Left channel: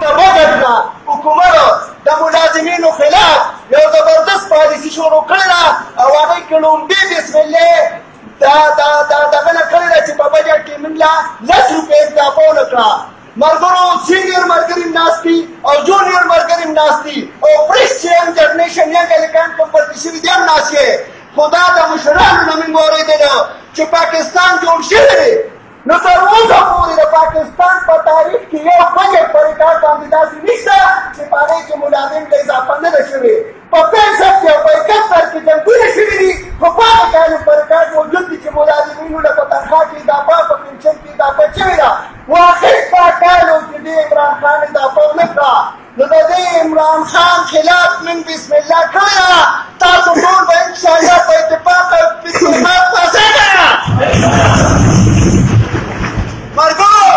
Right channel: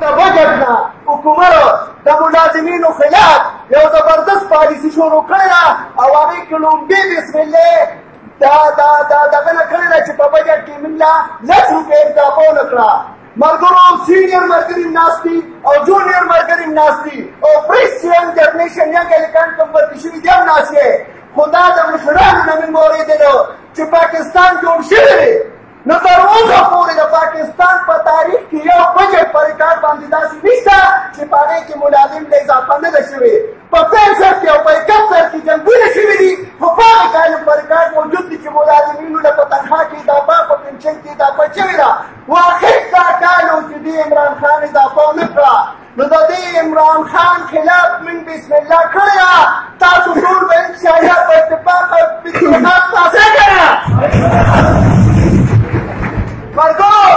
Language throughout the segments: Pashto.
بجټ نه حکومت د ملازمینو خلاف یو زبردست پالیسي شروع کړې ده او هغې کې لومړی بسم الله دغه نه کړې ده چې په بجټ کې موږ له 10 روپۍ اضافه ونه کړه. ملګرو سینیر ملګري ناست دي او جونیر ملګري ناست دي او فرېش چې ینګ جنریشن ینګ هلکان کوم پاتې شوي دي هم ناست یې. خو دا د مشرانو نه موږ اورېدلو چې پاکستان جوړ شوی دی نو تر اوسه پورې د پاکستان په تاریخ کې یو بجټ په ریکارډ باندې داسې نشته چې په هغې کې ملازم ته اضافه نه ده شوې. په 65 او په 71 کې جنګونه شوي دي خو په هغې کالو په ریکارډ موجود دي چې ملازمینو له په تنخواه کې اضافه په پنشن کې اضافه شوې ده. واخر دا کالو چې دې عمران خان اضافه ونه کړه نو د دې عمران خان خلاف موږ بسم الله کړې ده. تاسو ټول به انشاءالله په اتفاق او اتحاد پاسې کړه. ملګرو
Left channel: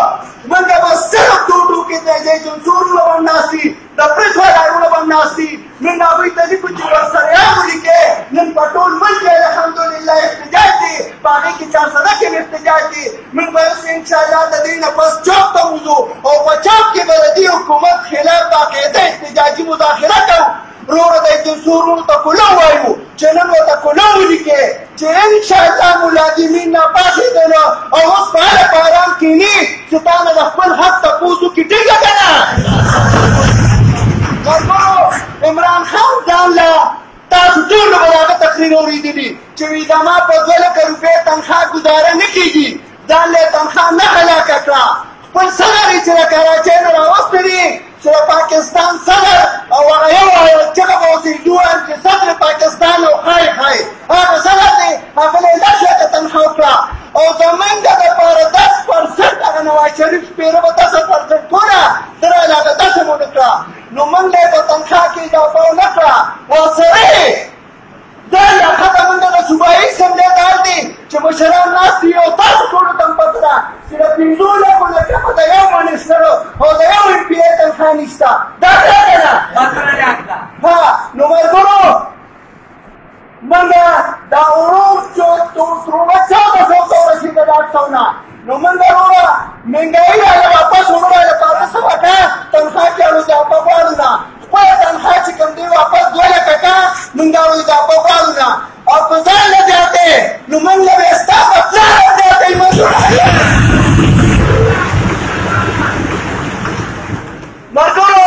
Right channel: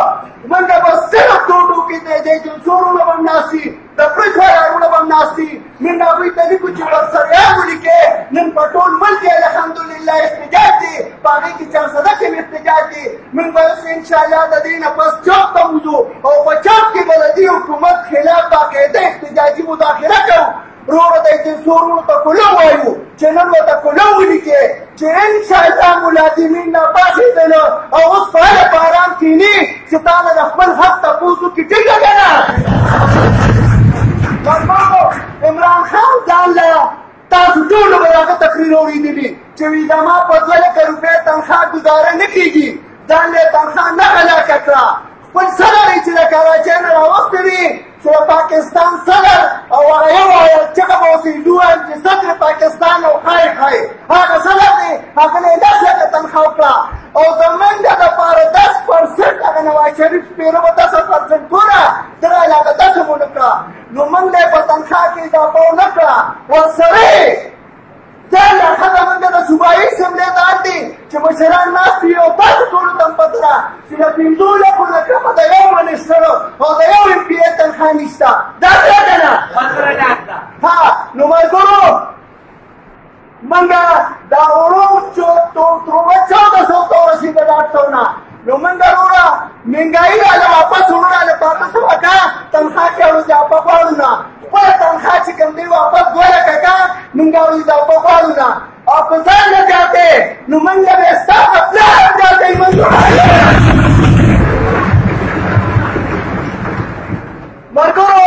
موږ به صرف ټوټو کې د جنسورونه به هم ناست دي د پرېس ولاړونه به هم ناست دي. موږ هغوی ته لیکو چې ورسره یې ولیکئ. نن په ټول ملک کې الحمدلله احتجاج دی په هغې کې چارسده کې هم احتجاج دی. موږ به اوس انشاءالله د دې نه پس چوک ته وځو او په چوک کې به د دې حکومت خلاف باقاعده احتجاجي مداخله کوو. وروره د جنسورونو ته کولو وایو چې نن ورته کولو ولیکئ چې انشاءالله ملازمین راپاڅېدلو او اوس په هله په ارام کښېني چې تا نه د خپل حق تپوس وکړي. ټیک ده که نه؟ ملګرو عمران خان ځان له تاسو ټولو به د هغه تقریر اورېدلي چې وایي زما په 2 لکه روپۍ تنخواه ګزاره نه کېږي. ځان له یې تنخواه نه هلاکه کړه. خپل صدر یې چې د کراچۍ نه راوستی دی چې د پاکستان صدر او هغه یو چغه به اوس یې ووایم چې صدر پاکستان او ښایي هغه صدر دی هغه له یې 10 لکه تنخواه وکړه او زموږ دپاره 10% هغه نواز شریف شمېره به 10% ټوله درله هغه 10 هم ونه کړه. نو موږ له یې په تنخواه کې اضافه ونه کړه. ورسره ځان له ښځه موږ د صوبایي اسمبلۍ ته حال دی چې مشران ناست دي او تاسو ټولو ته هم پته ده چې د 5 لکو نه کمه د یو منسټر او د یو ایم پي اې تنخواه نشته. دا څه که نه؟ ها نو ملګرو موږ دا وروڼو ترونه 1400 ته ورسېده د 800 نه نو موږ وروره مهنګایي راله واپس ومراله په 800 کا تنخواه کې اړو اضافه غواړو نه. خپله تنخواه چې کوم دی واپس 2 لکه کا موږ اړو اضافه غواړو نه او که ځان نه زیاتې نو موږ له به ستا په پلار هم زیاتوي. ملګرو